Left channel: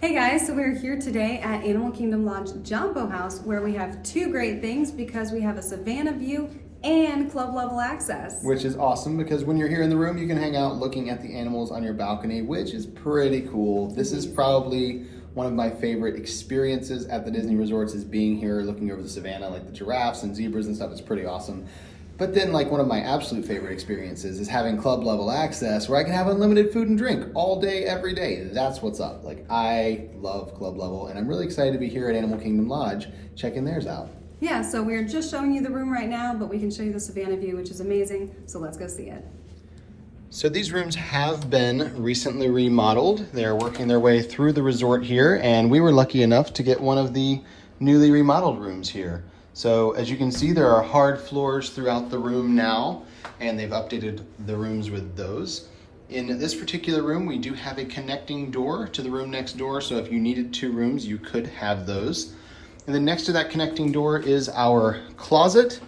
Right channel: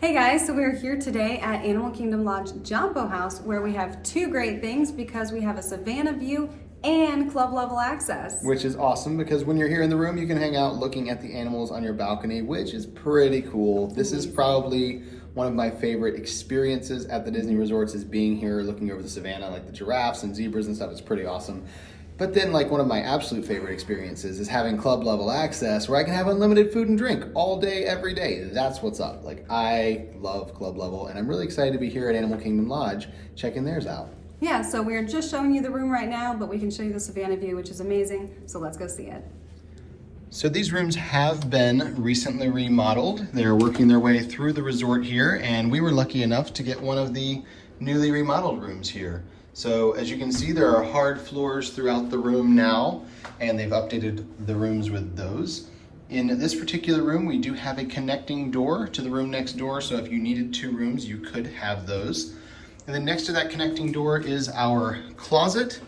Hey guys, so we're here today at Animal Kingdom Lodge Jambo House where we have two great things because we have a Savanna view and club level access. Which is awesome because when you're here in the room, you can hang out looking at the animals on your balcony, which is pretty cool. This is probably one of my favorite experiences at the Disney resorts is being here looking over the Savanna, like the giraffes and zebras and stuff. It's pretty awesome. But then like one of my absolute favorite experiences is having club level access where I can have unlimited food and drink all day, every day. That's what's up. Like I love club level and I'm really excited to be here at Animal Kingdom Lodge checking theirs out. Yeah, so we're just showing you the room right now, but we can show you the Savanna view, which is amazing. So let's go see it. So these rooms have been recently remodeled. They're working their way through the resort here, and we were lucky enough to get one of the newly remodeled rooms here. So as you can see, there are hard floors throughout the room now, and they've updated the rooms with those. In this particular room, we do have a connecting door to the room next door, so if you needed two rooms, you could have those. And then next to that connecting door is our closet.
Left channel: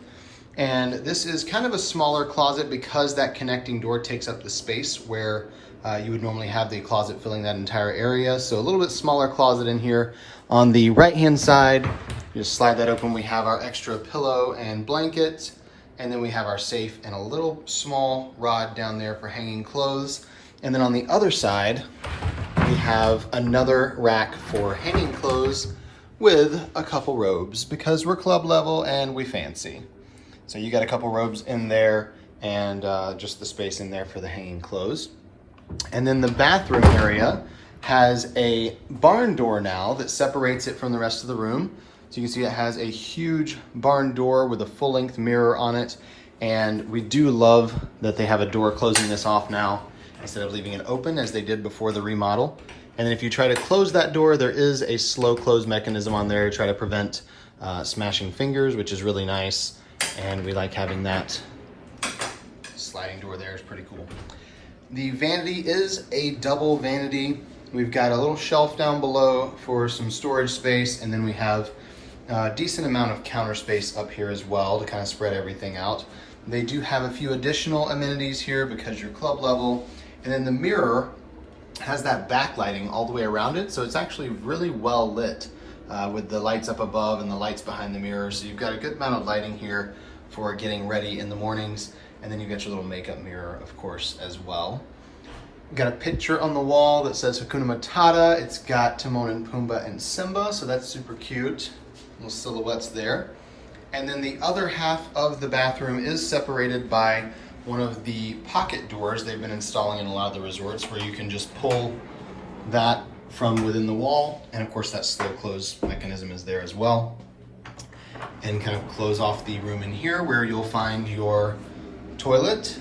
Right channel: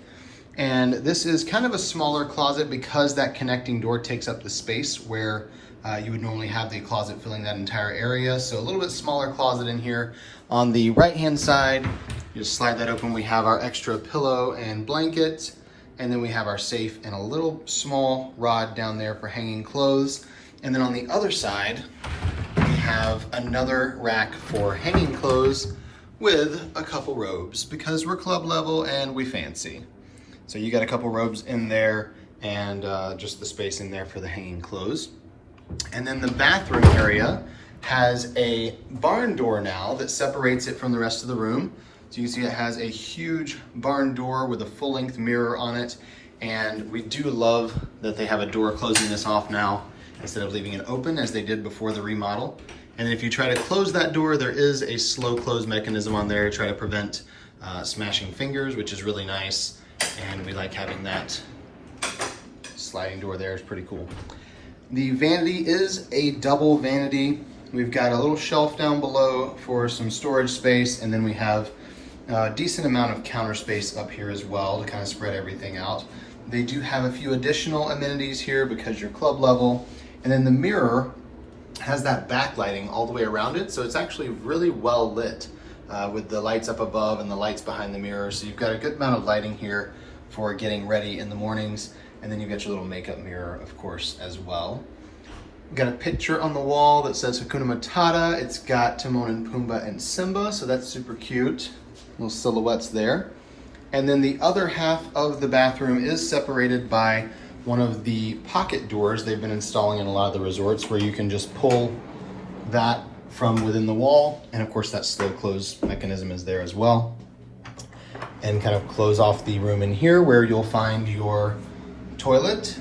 And this is kind of a smaller closet because that connecting door takes up the space where you would normally have the closet filling that entire area. So a little bit smaller closet in here. On the right-hand side, you just slide that open. We have our extra pillow and blanket. And then we have our safe and a little small rod down there for hanging clothes. And then on the other side, we have another rack for hanging clothes with a couple robes because we're club level and we fancy. So you got a couple robes in there and just the space in there for the hanging clothes. And then the bathroom area has a barn door now that separates it from the rest of the room. So you see it has a huge barn door with a full-length mirror on it. And we do love that they have a door closing this off now instead of leaving it open as they did before the remodel. And then if you try to close that door, there is a slow close mechanism on there to try to prevent smashing fingers, which is really nice. And we like having that sliding door there. It's pretty cool. The vanity is a double vanity. We've got a little shelf down below for some storage space, and then we have a decent amount of counter space up here as well to kind of spread everything out. They do have a few additional amenities here because you're club level. And then the mirror has that backlighting all the way around it, so it's actually really well lit with the lights up above and the lights behind the mirror. So you've got a good amount of lighting here for getting ready in the mornings, and then you've got your little makeup mirror, of course, as well. We've got a picture on the wall that says Hakuna Matata. It's got Timon and Pumbaa and Simba, so that's super cute. Little silhouettes there. And then the other half of the bathroom is separated by one of the pocket doors they've been installing in a lot of the resorts where you can just pull that from within the wall. And of course that slow close mechanism is there as well. And kind of close off the room in here where you'll find your toilet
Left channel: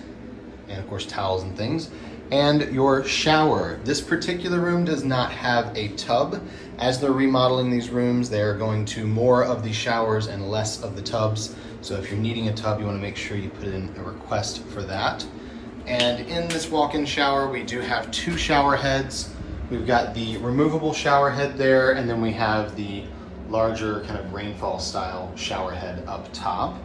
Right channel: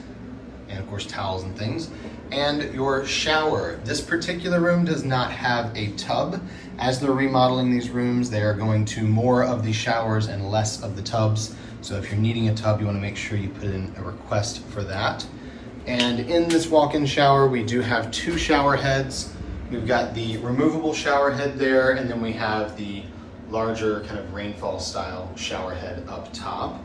and of course towels and things and your shower. This particular room does not have a tub. As they're remodeling these rooms, they're going to more of the showers and less of the tubs. So if you're needing a tub, you want to make sure you put in a request for that. And in this walk-in shower, we do have two shower heads. We've got the removable shower head there, and then we have the larger kind of rainfall style shower head up top.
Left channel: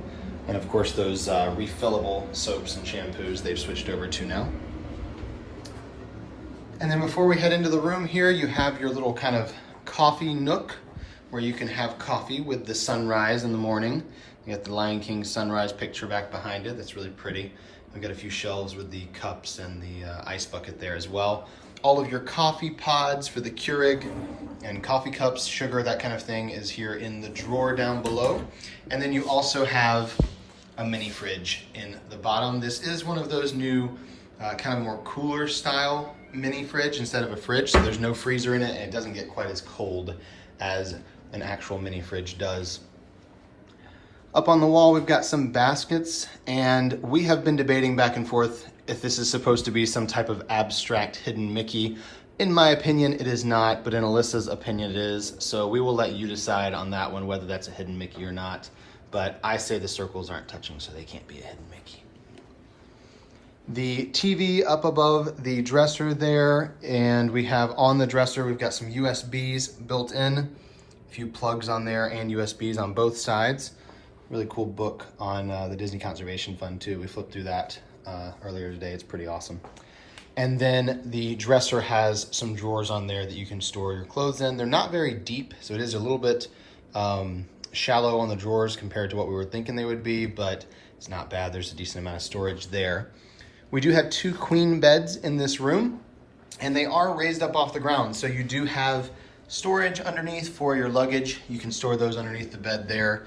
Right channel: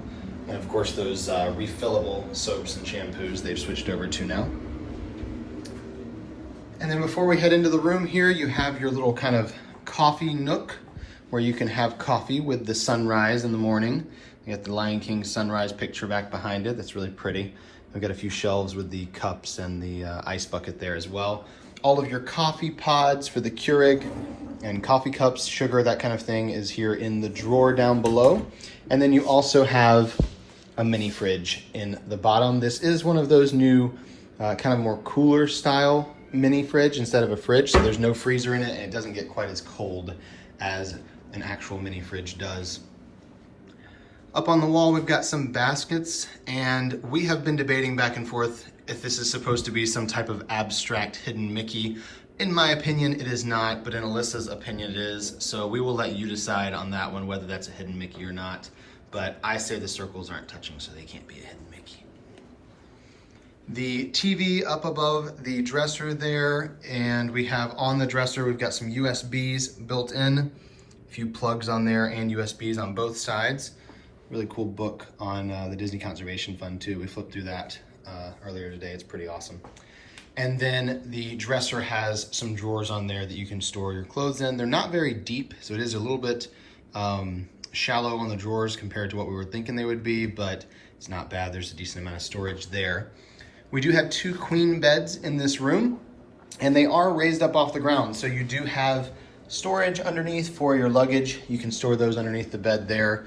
And of course those refillable soaps and shampoos they've switched over to now. And then before we head into the room here, you have your little kind of coffee nook where you can have coffee with the sunrise in the morning. You got the Lion King sunrise picture back behind it. That's really pretty. We've got a few shelves with the cups and the ice bucket there as well. All of your coffee pods for the Keurig and coffee cups, sugar, that kind of thing is here in the drawer down below. And then you also have a mini fridge in the bottom. This is one of those new kind of more cooler style mini fridge instead of a fridge. So there's no freezer in it and it doesn't get quite as cold as an actual mini fridge does. Up on the wall, we've got some baskets, and we have been debating back and forth if this is supposed to be some type of abstract hidden Mickey. In my opinion, it is not, but in Alyssa's opinion, it is. So we will let you decide on that one, whether that's a hidden Mickey or not. But I say the circles aren't touching, so they can't be a hidden Mickey. The TV up above the dresser there, and we have on the dresser, we've got some USBs built in, a few plugs on there and USBs on both sides. Really cool book on the Disney Conservation Fund too. We flipped through that earlier today. It's pretty awesome. And then the dresser has some drawers on there that you can store your clothes in. They're not very deep, so it is a little bit shallow on the drawers compared to what we were thinking they would be, but it's not bad. There's a decent amount of storage there. We do have 2 queen beds in this room, and they are raised up off the ground. So you do have storage underneath for your luggage. You can store those underneath the bed there.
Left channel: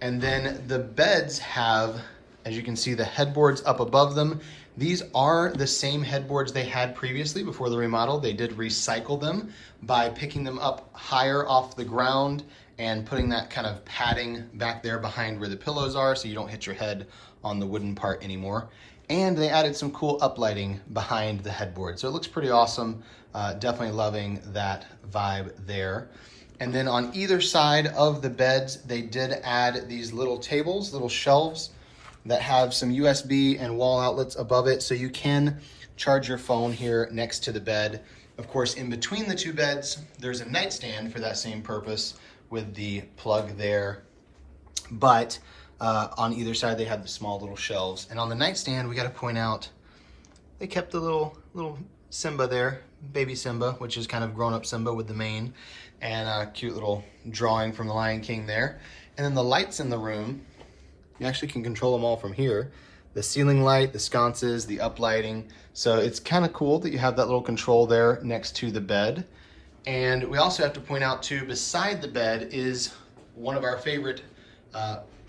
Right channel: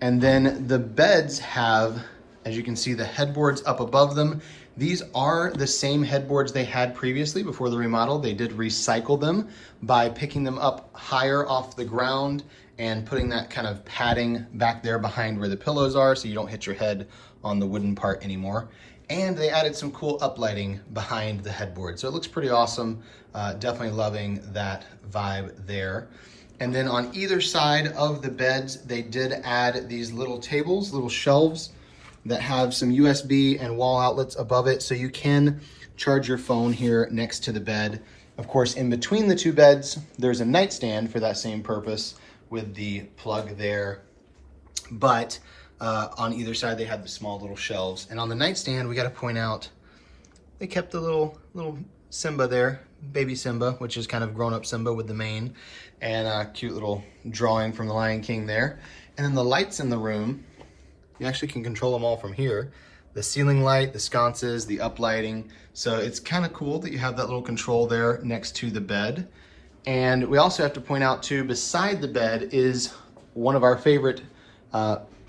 And then the beds have, as you can see, the headboards up above them. These are the same headboards they had previously before the remodel. They did recycle them by picking them up higher off the ground and putting that kind of padding back there behind where the pillows are so you don't hit your head on the wooden part anymore. And they added some cool uplighting behind the headboard. So it looks pretty awesome. Definitely loving that vibe there. And then on either side of the beds, they did add these little tables, little shelves that have some USB and wall outlets above it, so you can charge your phone here next to the bed. Of course, in between the 2 beds, there's a nightstand for that same purpose with the plug there. But on either side, they have the small little shelves. And on the nightstand, we gotta point out, they kept the little Simba there, baby Simba, which is kind of grown-up Simba with the mane, and a cute little drawing from the Lion King there. And then the lights in the room, you actually can control them all from here. The ceiling light, the sconces, the uplighting. So it's kind of cool that you have that little control there next to the bed. And we also have to point out too, beside the bed is one of our favorite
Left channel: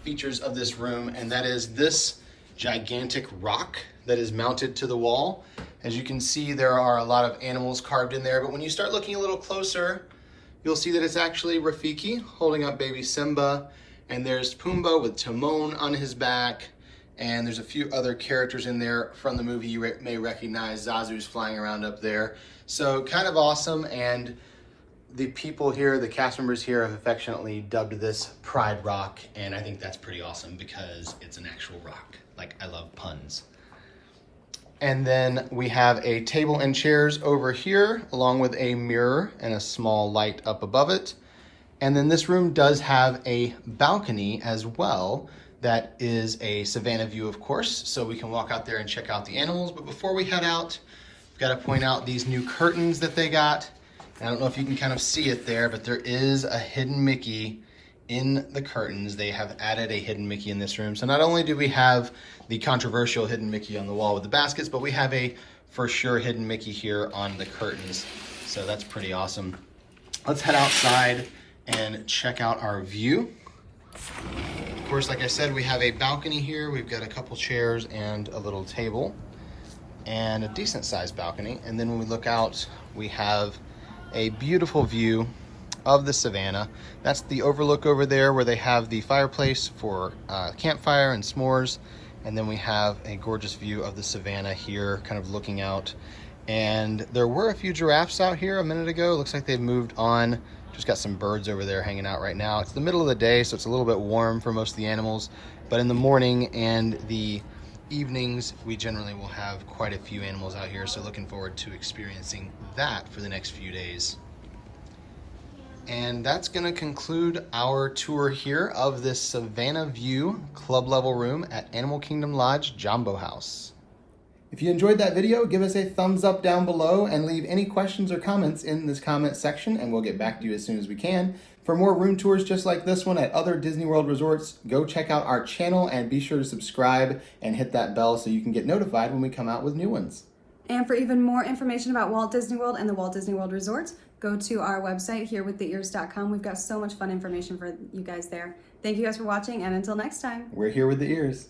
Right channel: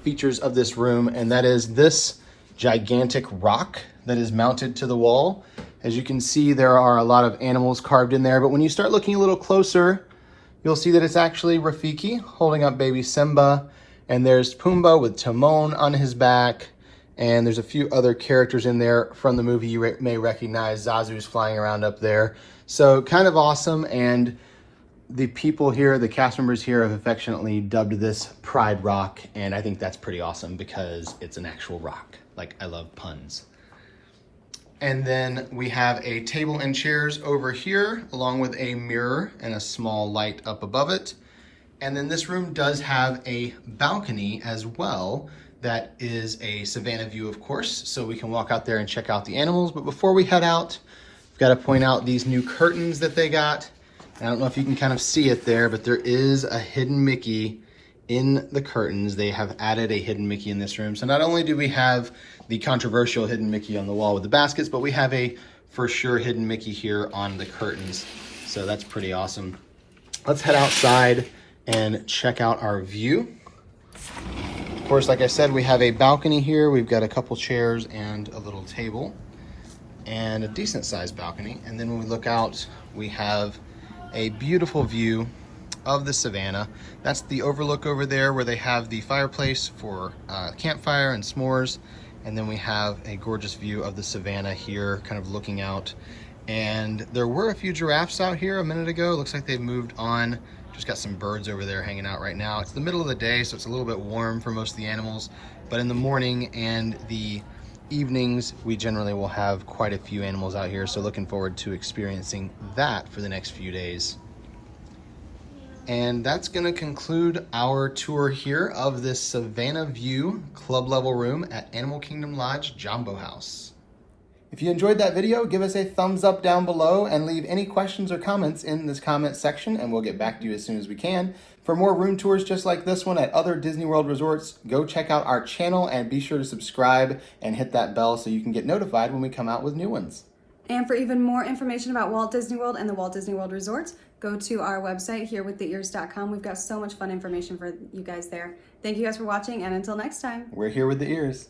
features of this room, and that is this gigantic rock that is mounted to the wall. As you can see, there are a lot of animals carved in there, but when you start looking a little closer, you'll see that it's actually Rafiki holding up baby Simba. And there's Pumbaa with Timon on his back. And there's a few other characters in there from the movie you may recognize. Zazu's flying around up there. So kind of awesome. And the people here, the cast members here, have affectionately dubbed this Pride Rock. And I think that's pretty awesome because it's an actual rock. Like, I love puns. And then we have a table and chairs over here, along with a mirror and a small light up above it. And then this room does have a balcony as well that is a Savanna view, of course, so we can walk out there and check out the animals. But before we head out, we've got to point out these new curtains that they got. I don't know if you can kind of see it there, but there is a hidden Mickey in the curtains. They have added a hidden Mickey in this room. So not only do we have the controversial hidden Mickey on the wall with the baskets, but we have a for sure hidden Mickey here on the curtains. So that's pretty awesome. Let's head outside and check out our view. Of course, like I said, we have a balcony here. We've got a couple chairs and a little table and a decent sized balcony. And then when we look out, we have a beautiful view of the Savanna. That's the overlook over there where they have the fireplace for campfire and s'mores. And then we have a gorgeous view of the Savanna here, kind of looking out. And there were a few giraffes out here a minute ago. Looks like they've moved on. Just got some birds over there hanging out right now. It's the middle of the day, so it's a little bit warm for most of the animals. But in the morning and the evenings, we generally will have quite a few animals out here. So looking forward to experiencing that for the next few days. And that's gonna conclude our tour here of this Savanna View club level room at Animal Kingdom Lodge Jambo House. If you enjoyed that video, give us a thumbs up down below and leave any questions or comments in this comment section, and we'll get back to you as soon as we can. For more room tours just like this one at other Disney World resorts, go check out our channel and be sure to subscribe and hit that bell so you can get notified when we come out with new ones. And for even more information about Walt Disney World and the Walt Disney World Resorts, go to our website, herewiththeears.com. We've got so much fun information for you guys there. Thank you guys for watching, and until next time. We're here with the ears.